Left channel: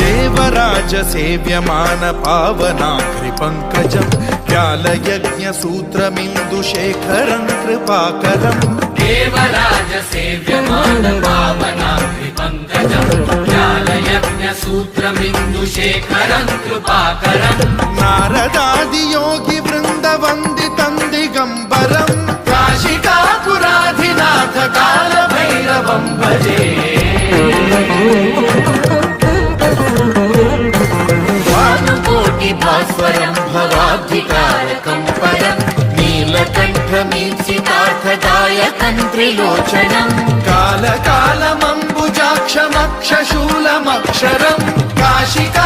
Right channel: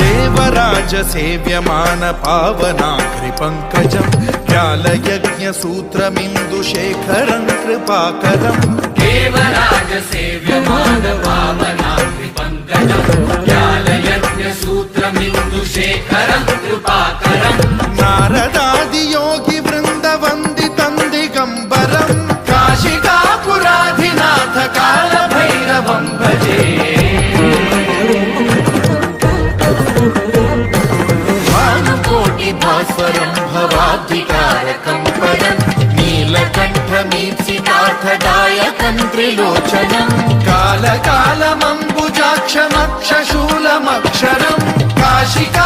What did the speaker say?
देवराज सेव्यमान पावनाग्रि पंकजं व्यालयज्ञ सूत्रमिन्दुशेखरं कृपाकरं देवराज सेव्यमान पावनाग्रि पंकजं व्यालयज्ञ सूत्रमिन्दुशेखरं कृपाकरं नारदादि योगी वृंद वंदितं दिगंबरं काशिकापुराधिनाथ काल भैरवं भजे कोटि भास्वरं भवाब्धिकारकं परं नीलकण्ठमीप्सितार्थदायकं त्रिलोचनं कालकालमम्बुजाक्षमक्षशूलमक्षरं काशिका